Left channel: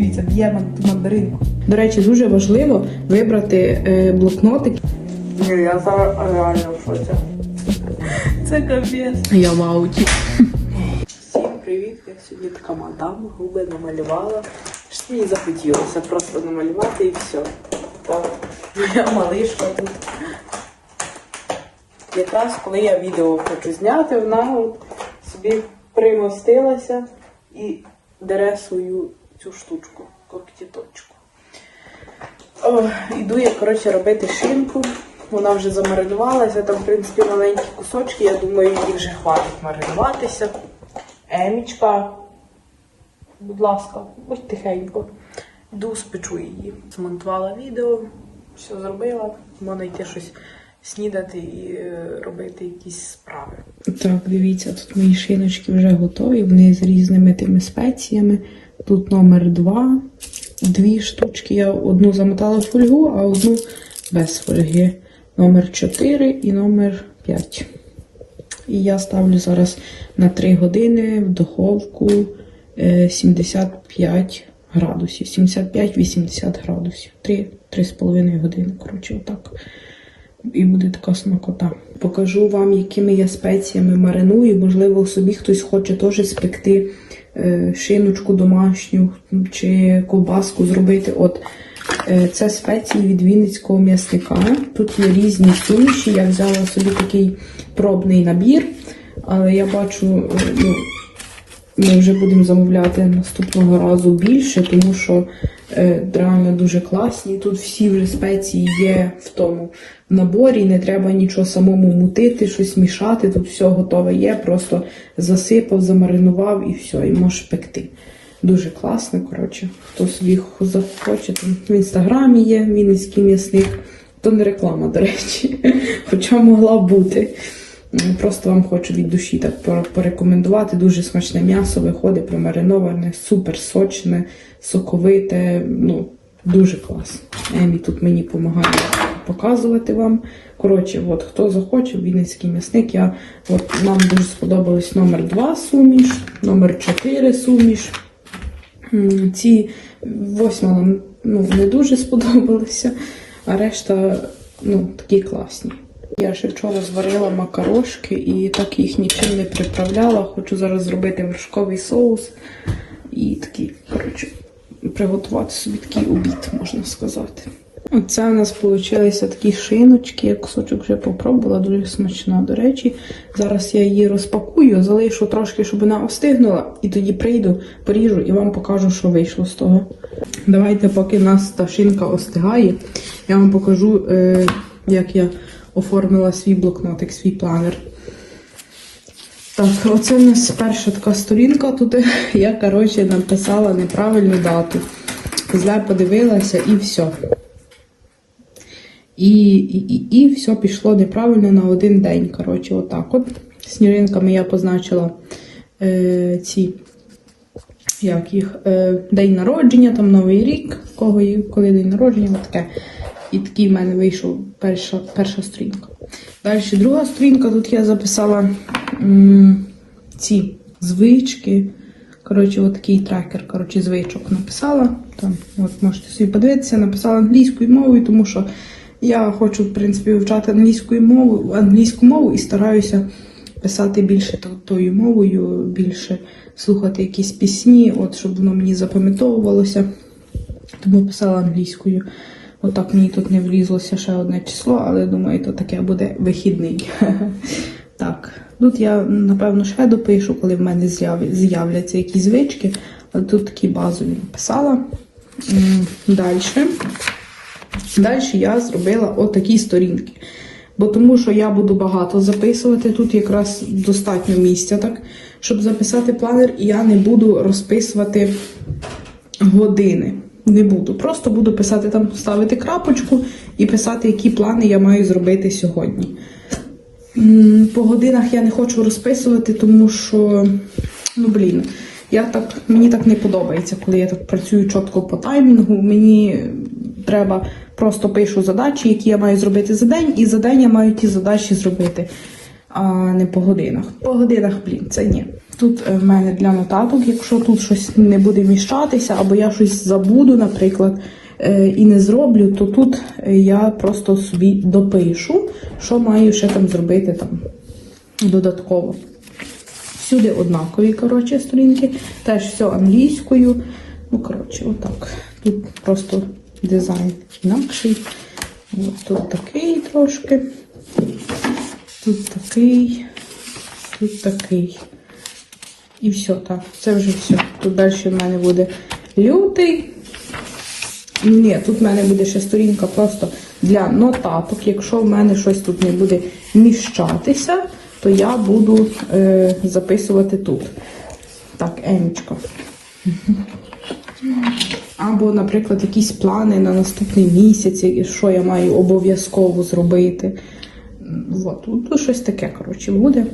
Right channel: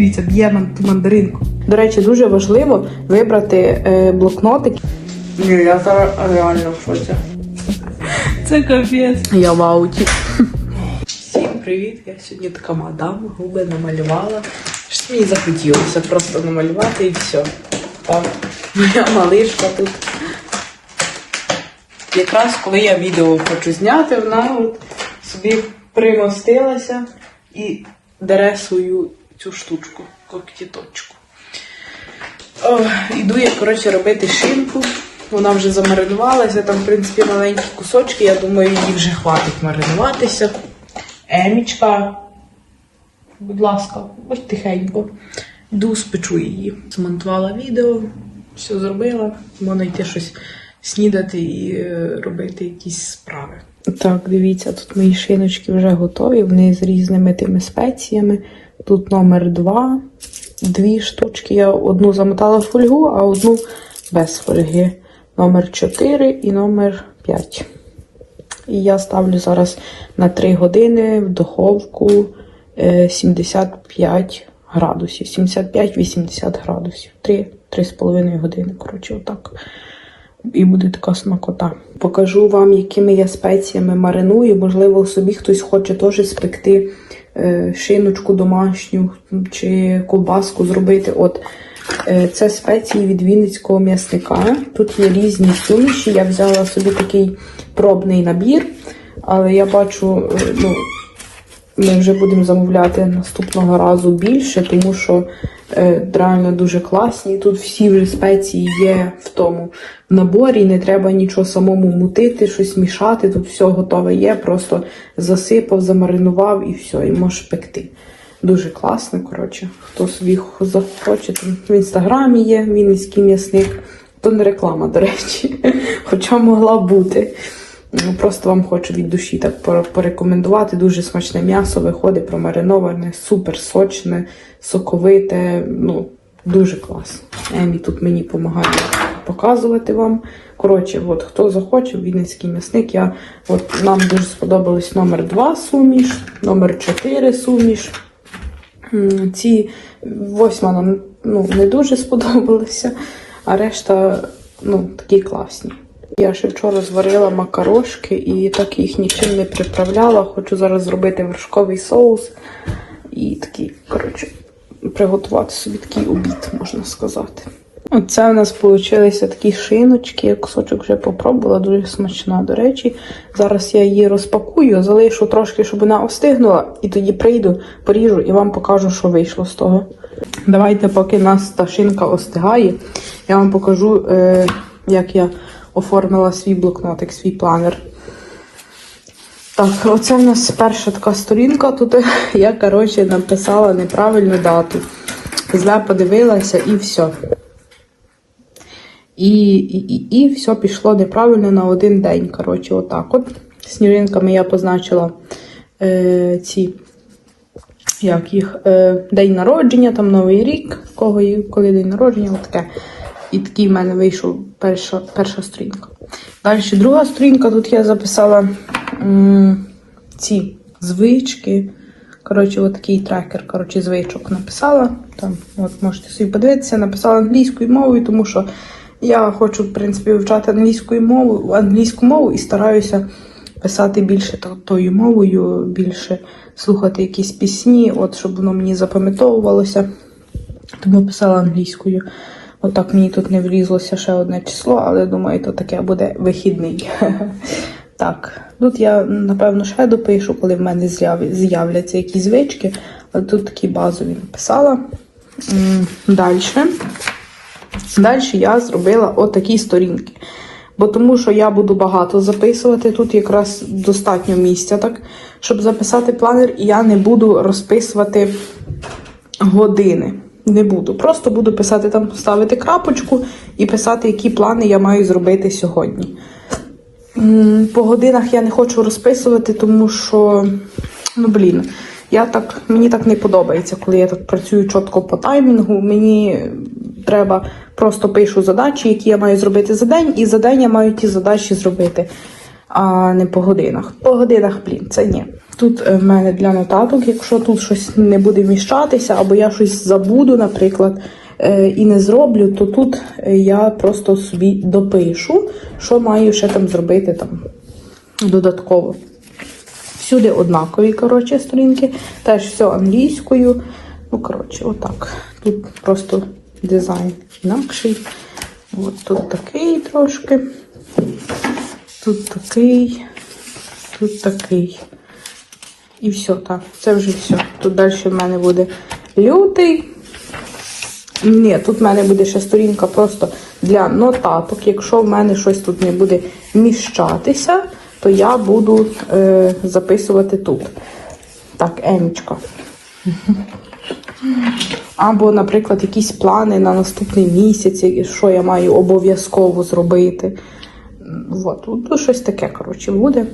Дивіться, п'є мандаринку. До речі, дуже важливо вибрати е, блокнотик. Ні, я зараз реально в шоці. Це капець. Я в ауті. Всім привіт! Я сьогодні така мадам, губи намалювала. Щось мені захотілося просто намалювати і все. О, моя малишка тут. Якраз коли я відео хочу зняти, вона от собі примостилася і дере свою цю штучку, когтіточку. Іду я, коротше, робити шинку. Вона вже замаринувалася, там, в принципі, маленькі кусочки. Я думаю, їй вже хватить маринуватися. Емічка, будь ласка, ось тихенько. Йду спечу її. Змонтувала відео, все зробила. Можна йти щось снідати і е, робити якісь справи. Так, дивіться, тут мої шиночки вже готові. Вони з різними тими спеціями. Тут номер два, дві штучки. Я одну замотала фольгу, а одну без фольги. Номер 4 і номер 5. І я ставлю зараз на 3 години в духовку е, 75 градусів. 75-80 градусів. 3-3,5 години. Коротше, отак. І буде така смакота. Покажу вам, якими я спеціями мариную. Можливо, собі хтось хоче теж спекти е, шиночку домашню чи ковбаску зробити. От е, це спеції від Вінницького м'ясника. Тут є різні суміші. Я взяла собі такий пробний набір, але я бачу, е, ну, ми вже будемо замовляти наступного разу більше, тому що е, реально дуже класні. Тут всі вже спеції є в тому наборі, не треба нічого самому мутити, щось мішати. Тут все готове є, просто засипав, замаринував і все, і можеш пекти. Дуже класно, коротше. Хто собі захоче, там в інстаграмі є Вінницький м'ясник. То не реклама, до речі, хоча могла бути. Ну, Просто вам хочу від душі так порекомендувати. Дуже смачне м'ясо виходить промариноване, супер сочне, соковите. Ну, дуже класно. Емі тут мені допомагає показувати вам. Коротше, от хто захоче, Вінницький м'ясник. Я, от, нам дуже сподобалось номер 2 суміш, номер 4 суміш. Ці восьма нам ну, не дуже сподобалися, а решта ну, такі класні. Я ще вчора зварила макарошки і так їх нічим не приправляла. Хочу зараз зробити вершковий соус і такий, коротше, приготувати собі такий обід, можна сказати. Оце у нас вийшли такі шиночки. Я кусочок вже попробувала, дуже смачна, до речі. Зараз я її розпакую, залишу трошки, щоб вона остигнула, і тоді прийду, поріжу і вам покажу, що вийшло з того. Давайте, поки нас та шинка остигає, я вам покажу, е, як я оформила свій блокнотик, свій планер. Так, оце в нас перша така сторінка. Тут я, коротше, написала неправильну дату. Зле подивилася і все. І, і, і, все пішло неправильно на один день. Коротше, отак. От сніжинками я позначила е, ці, як їх, е, день народження, там Новий рік, кого коли день народження, таке. І такий в мене вийшов перша, перша сторінка. Далі друга сторінка, тут я записала ці звички. Коротше, от такий трекер, коротше, звичок написала. Там, от можете собі подивитися, написала англійською мовою, тому що я хочу, в принципі, вивчати англійською мову, англійську мову і стараюся писати більше тою мовою, більше слухати якісь пісні, от щоб воно мені запам'ятовувалося. Тому писала англійською. Отак мені тут не влізлося ще одне число, але думаю, то таке буде вихідний. Так, тут я напевно ще допишу, коли в мене з'являться якісь звички. Але тут такі базові написала. Далі. Далі я зробила отакі сторінки. Бо тому що я буду багато записувати, тут якраз достатньо місця, так, щоб записати планер, і я не буду розписувати години. Не буду. Просто буду писати там, ставити крапочку і писати, які плани я маю зробити сьогодні. По годинах я не хочу розписувати, тому що, ну блін, я так, мені так не подобається, коли я так працюю чітко по таймінгу. Мені треба просто пишу задачі, які я маю зробити за день, і за день я маю ті задачі зробити. А не по годинах. По годинах, блін, це ні. Тут е, в мене для нотаток, якщо тут щось не буде вміщатися, або я щось забуду, наприклад, е, і не зроблю, то тут е, я просто собі допишу, що маю ще там зробити там додатково. Всюди однакові, коротше, сторінки. Теж все англійською. Ну, коротше, отак. Тут просто дизайн інакший. От тут такий трошки. Тут такий. Тут такий. І все, так. Це вже все. Тут далі в мене буде лютий. Ні, тут в мене буде ще сторінка просто для нотаток. Якщо в мене щось тут не буде вміщатися, то я буду е, записувати тут. Так, Емічка. Або, наприклад, якісь плани на наступний місяць, що я маю обов'язково зробити. От, тут щось таке, коротше, буде.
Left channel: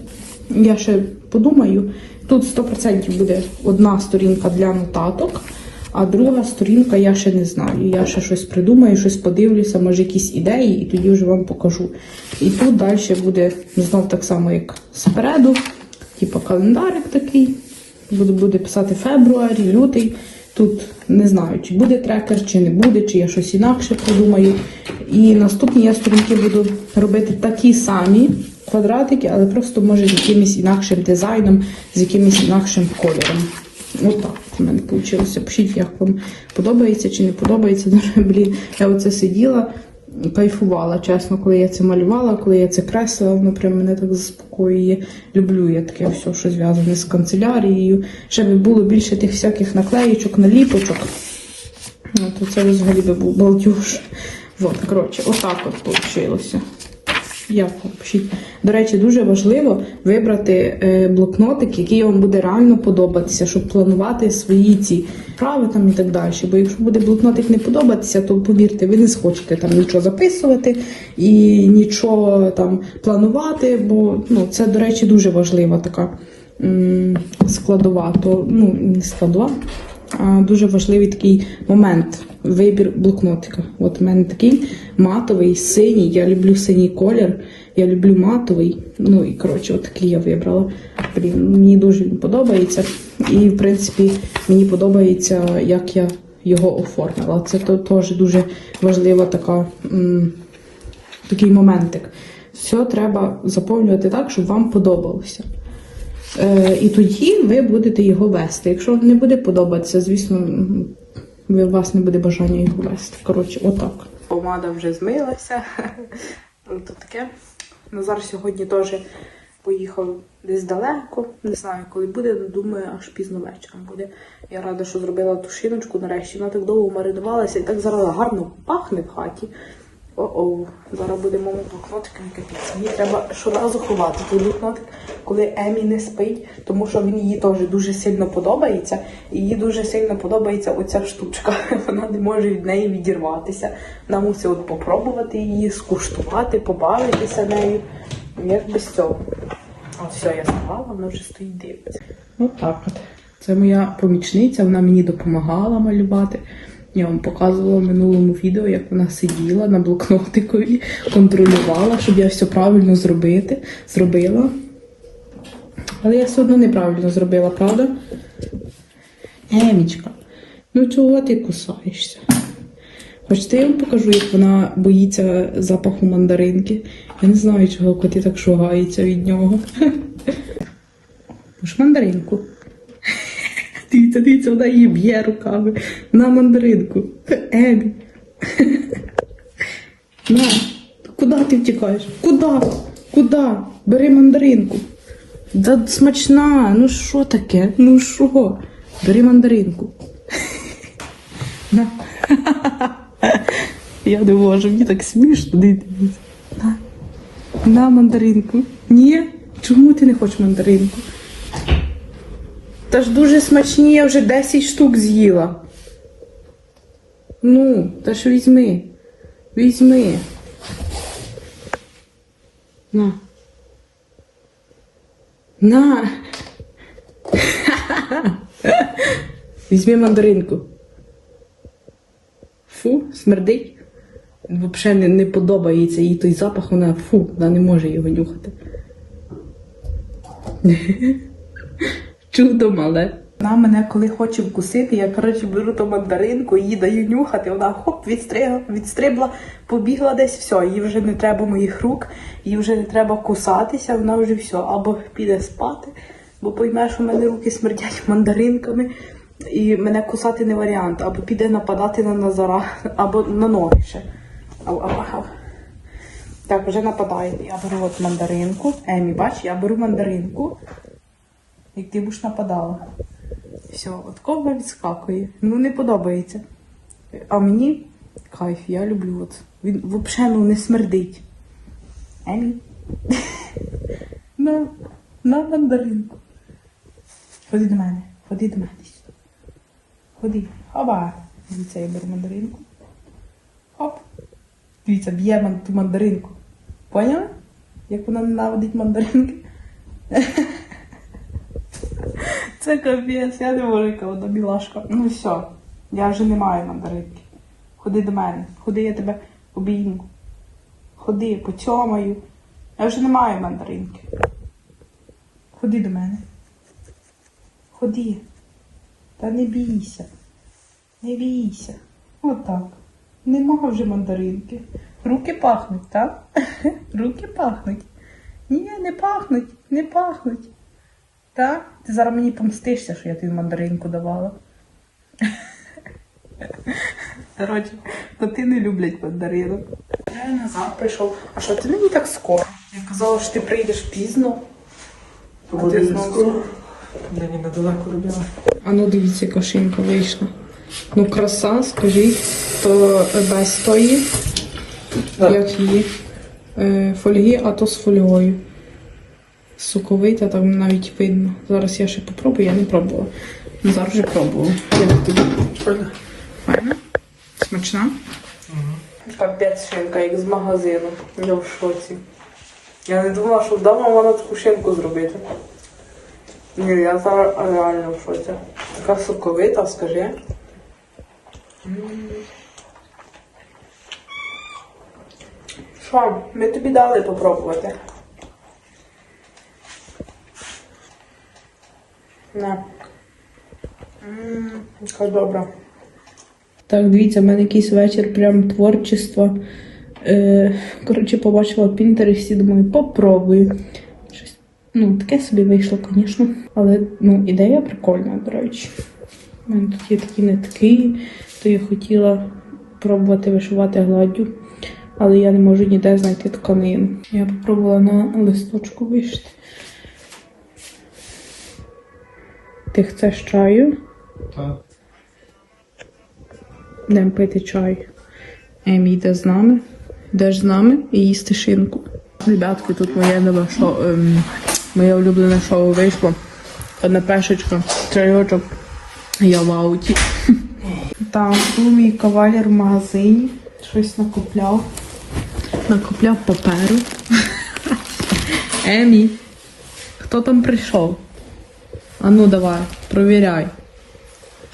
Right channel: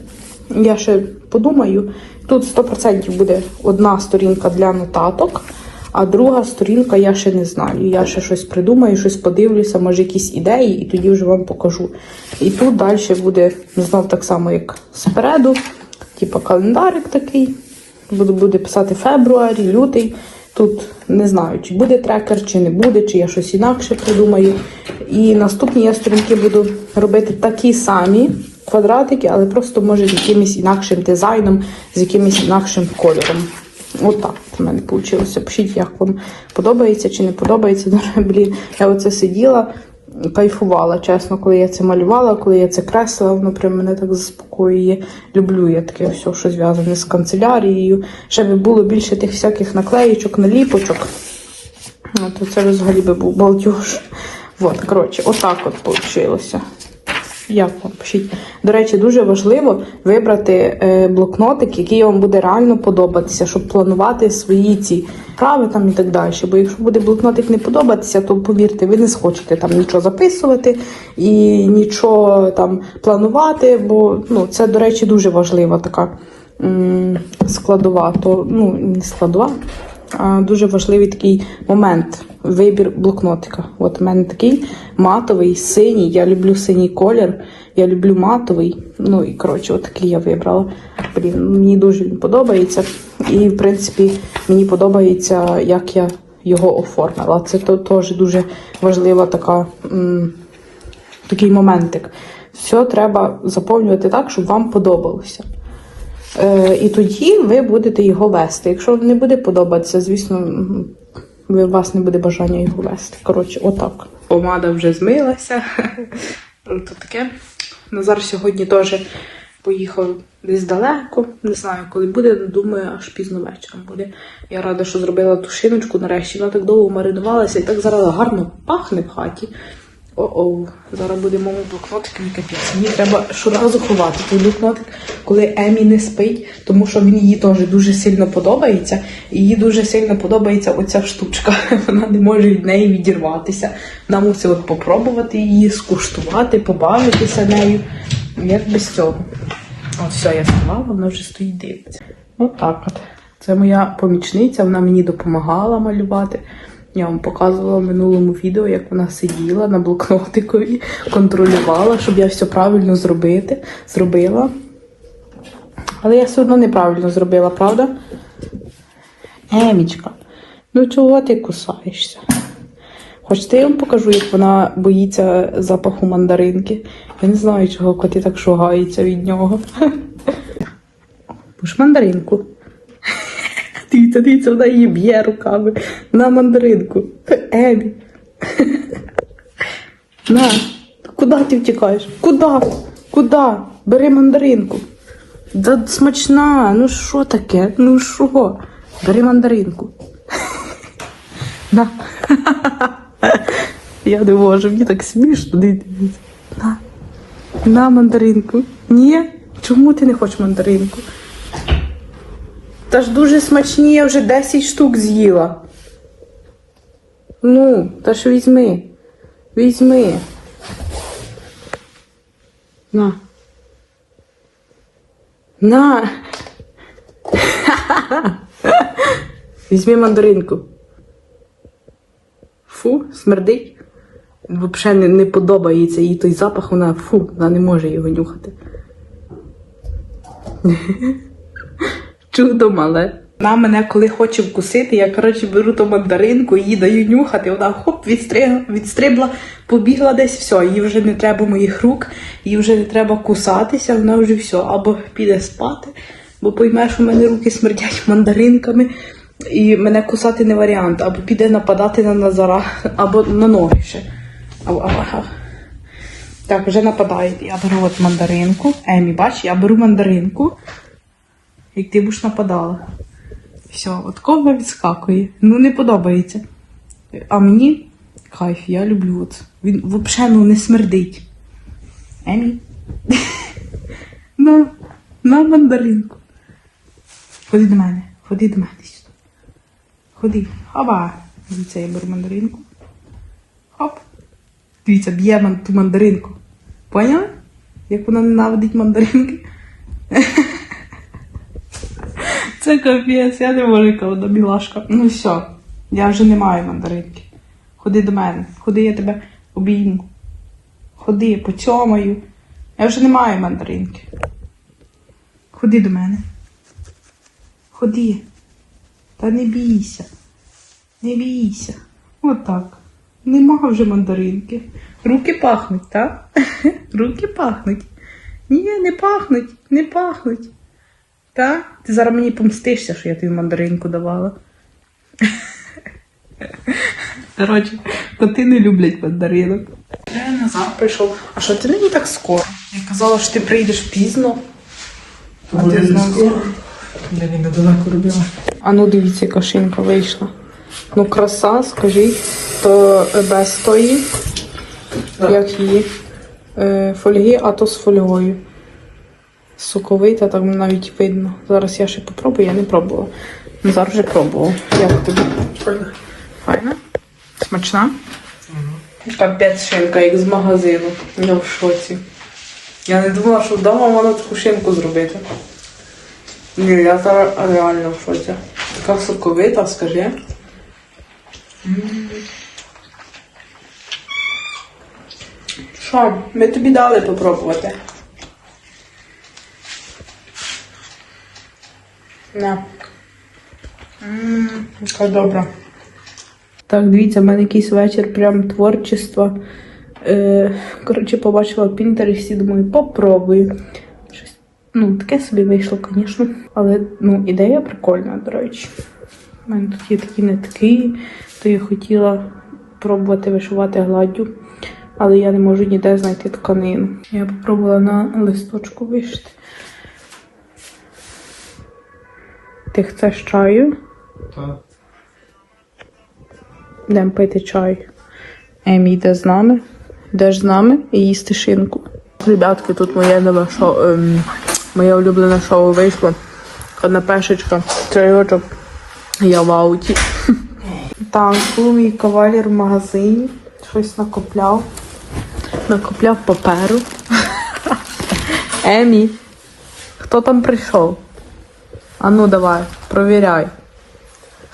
Я ще подумаю. Тут 100% буде одна сторінка для нотаток, а друга сторінка я ще не знаю. Я ще щось придумаю, щось подивлюся, може якісь ідеї, і тоді вже вам покажу. І тут далі буде знов так само, як спереду, типу календарик такий. Буду, буде писати фебруарі, лютий. Тут не знаю, чи буде трекер, чи не буде, чи я щось інакше придумаю. І наступні я сторінки буду робити такі самі квадратики, але просто може з якимось інакшим дизайном, з якимось інакшим кольором. Отак от в мене вийшло. Пишіть, як вам подобається чи не подобається. Дуже, Блін, я оце сиділа, кайфувала, чесно, коли я це малювала, коли я це креслила, воно прям мене так заспокоює. Люблю я таке все, що зв'язане з канцелярією. Ще би було більше тих всяких наклеїчок, наліпочок. Ну, то це взагалі би був балдюж. От, коротше, отак от вийшло. Як вам пишіть? До речі, дуже важливо вибрати е, блокнотик, який вам буде реально подобатися, щоб планувати свої ці справи там і так далі. Бо якщо буде блокнотик не подобатися, то повірте, ви не схочете там нічого записувати і нічого там планувати, бо ну, це, до речі, дуже важлива така складова, то ну не складова. Дуже важливий такий момент вибір блокнотика. От у мене такий матовий, синій. Я люблю синій колір, я люблю матовий. Ну і коротше, от такий я вибрала. Блін, мені дуже він подобається. І, в принципі, мені подобається, як я його оформила. Це теж дуже важлива така, м, такий моментик. Все треба заповнювати так, щоб вам подобалося. Е, і тоді ви будете його вести. Якщо не буде подобатися, звісно, у вас не буде бажання його вести. Коротше, отак. Помада вже змилася. Ну, То таке. Назар сьогодні теж поїхав десь далеко. Не знаю, коли буде, думаю, аж пізно вечором буде. Я рада, що зробила ту шиночку нарешті. Вона так довго маринувалася і так зараз гарно пахне в хаті. О-о, зараз буде моєму блокнотик мій капець. Мені треба щоразу ховати той блокнотик, коли Емі не спить, тому що він їй теж дуже сильно подобається. І їй дуже сильно подобається оця штучка. Вона не може від неї відірватися. Вона мусить попробувати її, скуштувати, побавитися нею. Як без цього. От все, я склала, вона вже стоїть дивиться. Отак от. Це моя помічниця, вона мені допомагала малювати. Я вам показувала в минулому відео, як вона сиділа на блокнотикові, контролювала, щоб я все правильно зробити, зробила. Але я все одно неправильно зробила, правда? Емічка, ну чого ти кусаєшся? Хочете, я вам покажу, як вона боїться запаху мандаринки. Я не знаю, чого коти так шугаються від нього. Пуш мандаринку. Дивіться, дивіться, вона її б'є руками на мандаринку. Емі. На, куди ти втікаєш? Куди? Куди? Бери мандаринку. Да смачна, ну що таке? Ну що? Бери мандаринку. На. Я не можу, мені так смішно. На. На мандаринку. Ні? Чому ти не хочеш мандаринку? Та ж дуже смачні, я вже 10 штук з'їла. Ну, та ж візьми. Візьми. На. На. Візьми мандаринку. Фу, смердить. Взагалі не, не подобається їй той запах, вона фу, вона не може його нюхати. Чудо мале. Вона мене коли хоче вкусити, я коротше беру ту мандаринку, її даю нюхати, вона хоп, відстригла, відстрибла, побігла десь, все, їй вже не треба моїх рук, їй вже не треба кусатися, вона вже все, або піде спати, бо пойме, що в мене руки смердять мандаринками, і мене кусати не варіант, або піде нападати на Назара, або на ноги ще. Ау, ау. Так, вже нападає. Я беру от мандаринку. Емі, бач, я беру мандаринку. І ти будеш нападала. Все, от кого відскакує. Ну, не подобається. А мені кайф, я люблю от. Він взагалі ну, не смердить. Емі. На, на мандаринку. Ходи до мене, ходи до мене. сюди. Ходи. Ава. Це я беру мандаринку. Хоп. Дивіться, б'є ту мандаринку. Поняла? Як вона ненавидить мандаринки? Це капець, я не можу, вона мілашка. Ну все, я вже не маю мандаринки. Ходи до мене, ходи, я тебе обійму. Ходи, поцьомаю. Я вже не маю мандаринки. Ходи до мене. Ходи. Та не бійся. Не бійся. Отак. Нема вже мандаринки. Руки пахнуть, так? Руки пахнуть. Ні, не пахнуть, не пахнуть. Так? Ти зараз мені помстишся, що я тобі мандаринку давала. Коротше, коти не люблять мандаринок. Я назад прийшов. А що ти нині так скоро? Я казала, що ти прийдеш пізно. А ти знову. Мені недалеко робила. А ну дивіться, яка шинка вийшла. Ну, краса, скажіть, то е, без тої, як її е, фольги, а то з фольгою. Соковита, так навіть видно. Зараз я ще попробую, я не пробувала. Ну, зараз вже пробувала. Як тобі? Файно? Смачна? Капець шинка, як з магазину. Я в шоці. Я не думала, що вдома можна таку шинку зробити. Ні, я зараз реально в шоці. Така соковита, скажи. Що, ми тобі дали попробувати. На. Ммм, яка добра. Так, дивіться, в мене якийсь вечір прям творчества. Е, коротше, побачила в думаю, попробую. Щось, ну, таке собі вийшло, звісно. Але ну, ідея прикольна, до речі. У мене тут є такі нитки, то я хотіла пробувати вишивати гладдю, але я не можу ніде знайти тканину. Я попробувала на листочку вишити. Ти хочеш чаю? Так. Йдемо пити чай. Емі йде з нами. Йдеш з нами і їсти шинку. Ребятки, тут моє нове шоу, ем, моє улюблене шоу вийшло. Одна пешечка, чайочок. Я в ауті. Так, був мій кавалер в магазині. Щось накопляв. Накопляв паперу. Емі, хто там прийшов? А ну давай, провіряй.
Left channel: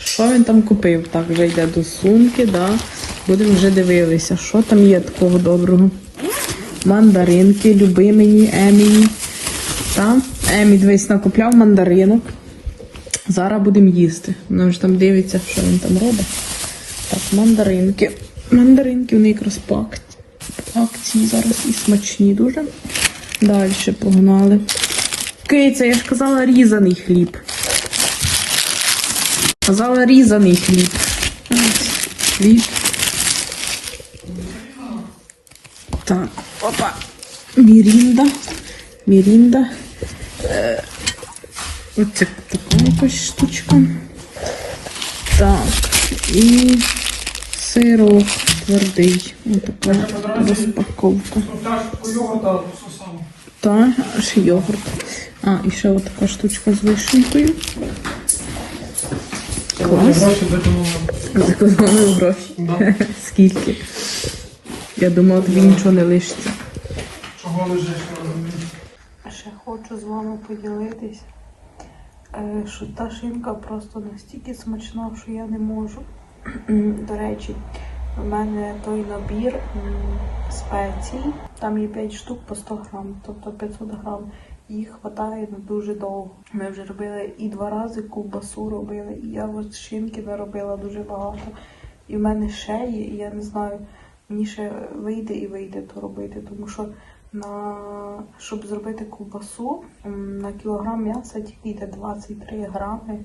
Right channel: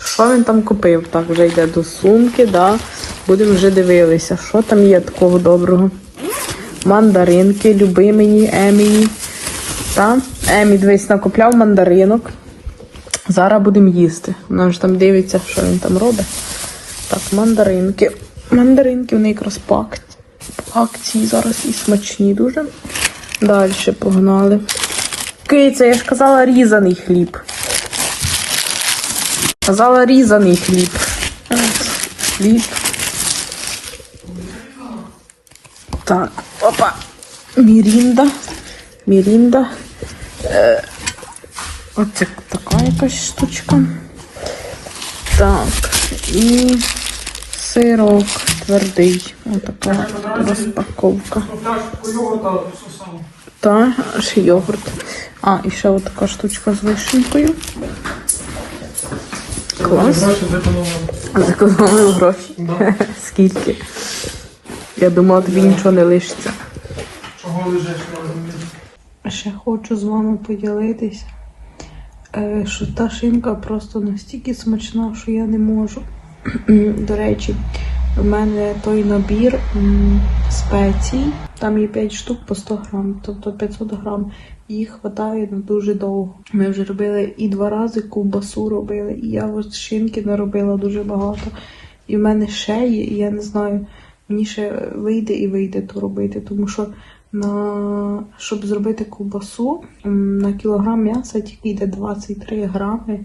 Що він там купив? Так, вже йде до сумки, да. Будемо вже дивилися, що там є такого доброго. Мандаринки, люби мені, Емі. Та? Емі, дивись, накупляв мандаринок. Зараз будемо їсти. Вона вже там дивиться, що він там робить. Так, мандаринки. Мандаринки вони якраз по ак- по акції зараз і смачні дуже. Далі погнали. Киця, я ж казала різаний хліб. Казала різаний хліб. Хліб. Так, опа. Мірінда. Мірінда. Е, оце така якась штучка. Так. І сирок твердий. Отака розпаковка. Та, ще йогурт. А, і ще отака штучка з вишенькою. Клас. Зекономив гроші. Скільки? Я думала, тобі нічого не лишиться. Чого лежиш? Ще хочу з вами поділитися, е, що та шинка просто настільки смачна, що я не можу. До речі, у мене той набір спецій, там є 5 штук по 100 грам, тобто 500 грам. Їх вистачає на дуже довго. Ми вже робили і два рази ковбасу робили, і я шинки наробила дуже багато. І в мене ще є, і я не знаю, мені ще вийде і вийде то робити, тому що на щоб зробити ковбасу на кілограм м'яса тільки йде 23 грами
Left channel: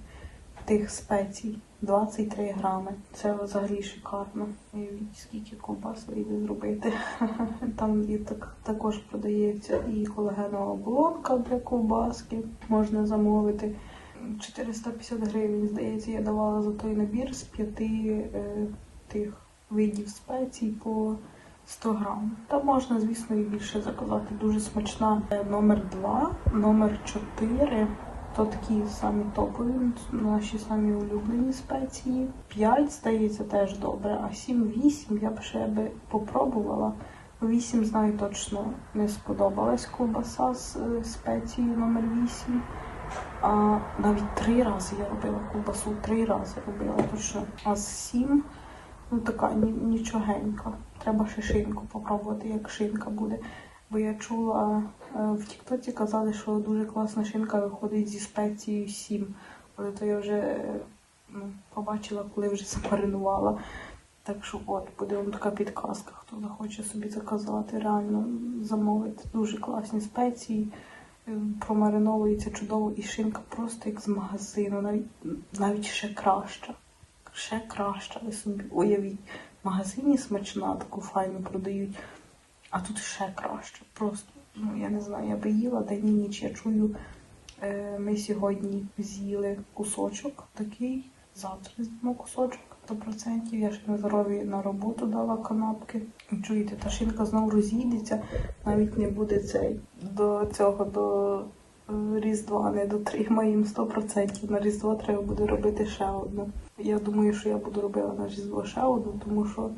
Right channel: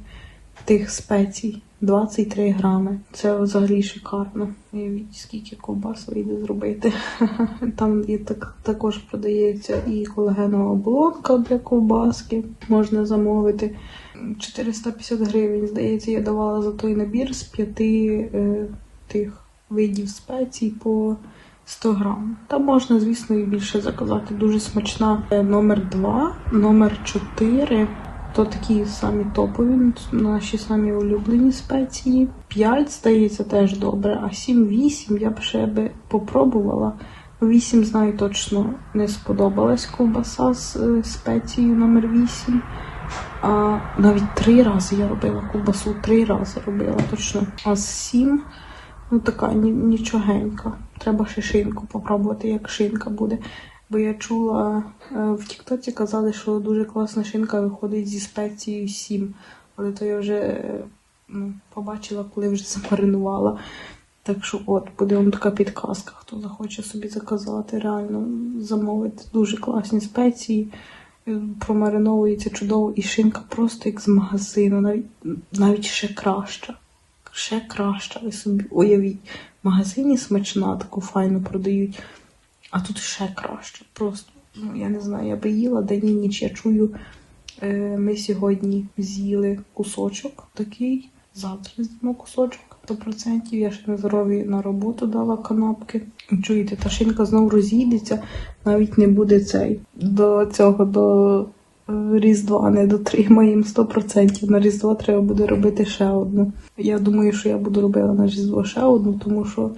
тих спецій. 23 грами. Це взагалі шикарно. Уявіть, скільки ковбас вийде зробити. Там і так, також продається і колагенова оболонка для ковбаски. Можна замовити. 450 гривень, здається, я давала за той набір з п'яти е, тих видів спецій по 100 грам. Там можна, звісно, і більше заказати. Дуже смачна. Е, Номер 2, номер 4. То такі самі топові, наші самі улюблені спеції. 5, здається, теж добре, а 7-8 я б ще би попробувала. 8, знаю, точно не сподобалась ковбаса з е, спецією номер 8. А навіть три рази я робила ковбасу, три рази робила точно. А з 7, ну така нічогенька. Треба ще шинку попробувати, як шинка буде. Бо я чула е, в Тіктоці казали, що дуже класна шинка виходить зі спецією 7. Але то я вже е, ну, побачила, коли вже замаринувала. Так що от, буде вам така підказка, хто захоче собі заказати, реально замовити дуже класні спеції. Е, Промариновується чудово і шинка просто як з магазину, навіть, навіть ще краща. Ще краща, ви собі уявіть. В магазині смачна, таку файну продають. А тут ще краще. Просто, ну, я не знаю, я би їла день і ніч. Я чую, е, ми сьогодні з'їли кусочок такий, завтра з'їмо кусочок. 100%. Я ще на здоров'я на роботу дала канапки. Чуєте, та шинка знову розійдеться, навіть не буде цей до цього до е, Різдва не дотримаємо 100%. На Різдво треба буде робити ще одну. Я думаю, що я буду робила на Різдво ще одну, тому що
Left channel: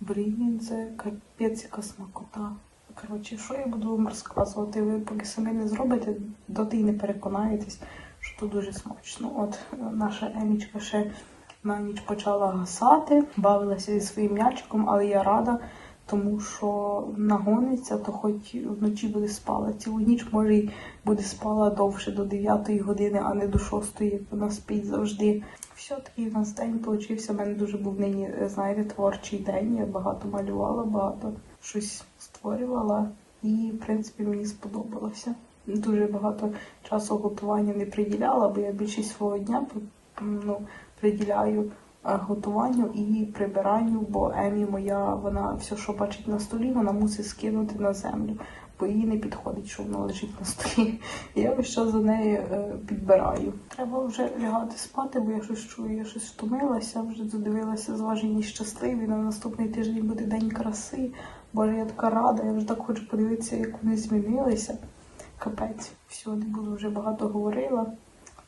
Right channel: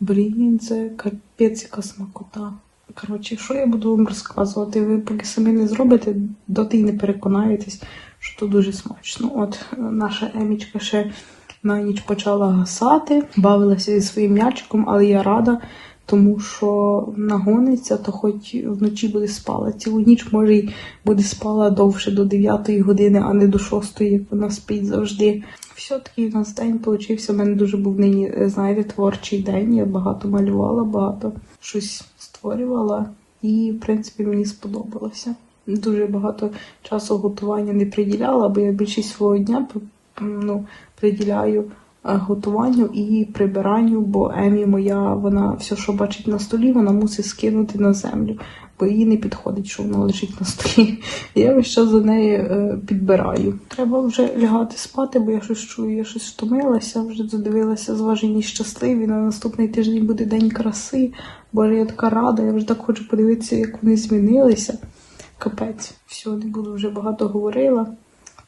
Блін, це капець яка смакота. Коротше, що я буду вам розказувати? Ви поки самі не зробите, доти й не переконаєтесь, що то дуже смачно. От наша Емічка ще на ніч почала гасати, бавилася зі своїм м'ячиком, але я рада, тому що нагониться, то хоч вночі буде спала. Цілу ніч може й буде спала довше до 9 години, а не до 6, як вона спить завжди. Все-таки у нас день получився. У мене дуже був нині, е, знаєте, творчий день. Я багато малювала, багато щось створювала, і, в принципі, мені сподобалося. Дуже багато часу готування не приділяла, бо я більшість свого дня ну, приділяю готуванню і прибиранню, бо Емі моя, вона все, що бачить на столі, вона мусить скинути на землю, бо їй не підходить, що вона лежить на столі. Я весь час за нею е, підбираю. Треба вже лягати спати, бо я щось чую, я щось втомилася, вже задивилася зважені щасливі. На наступний тиждень буде день краси. Боже, я така рада, я вже так хочу подивитися, як вони змінилися. Капець, все, не буду вже багато говорила.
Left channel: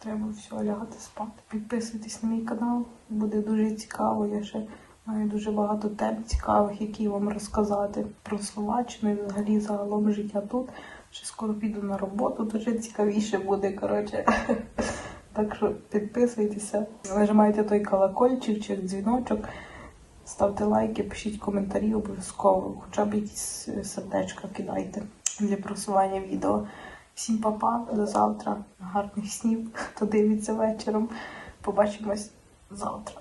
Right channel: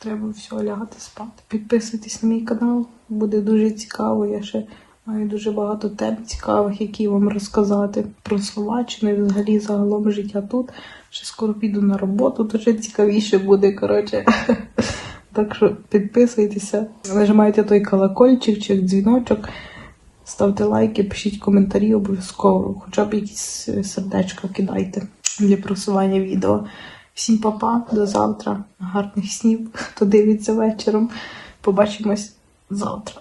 Треба все лягати спати. Підписуйтесь на мій канал, буде дуже цікаво. Я ще маю дуже багато тем цікавих, які вам розказати про Словаччину і взагалі загалом життя тут. Ще скоро піду на роботу, то ще цікавіше буде. Коротше. Так що підписуйтеся, нажимайте той колокольчик чи дзвіночок, ставте лайки, пишіть коментарі обов'язково, хоча б якісь сердечка кидайте для просування відео. Всім па-па, до завтра. Гарних снів, хто дивиться вечором. Побачимось завтра.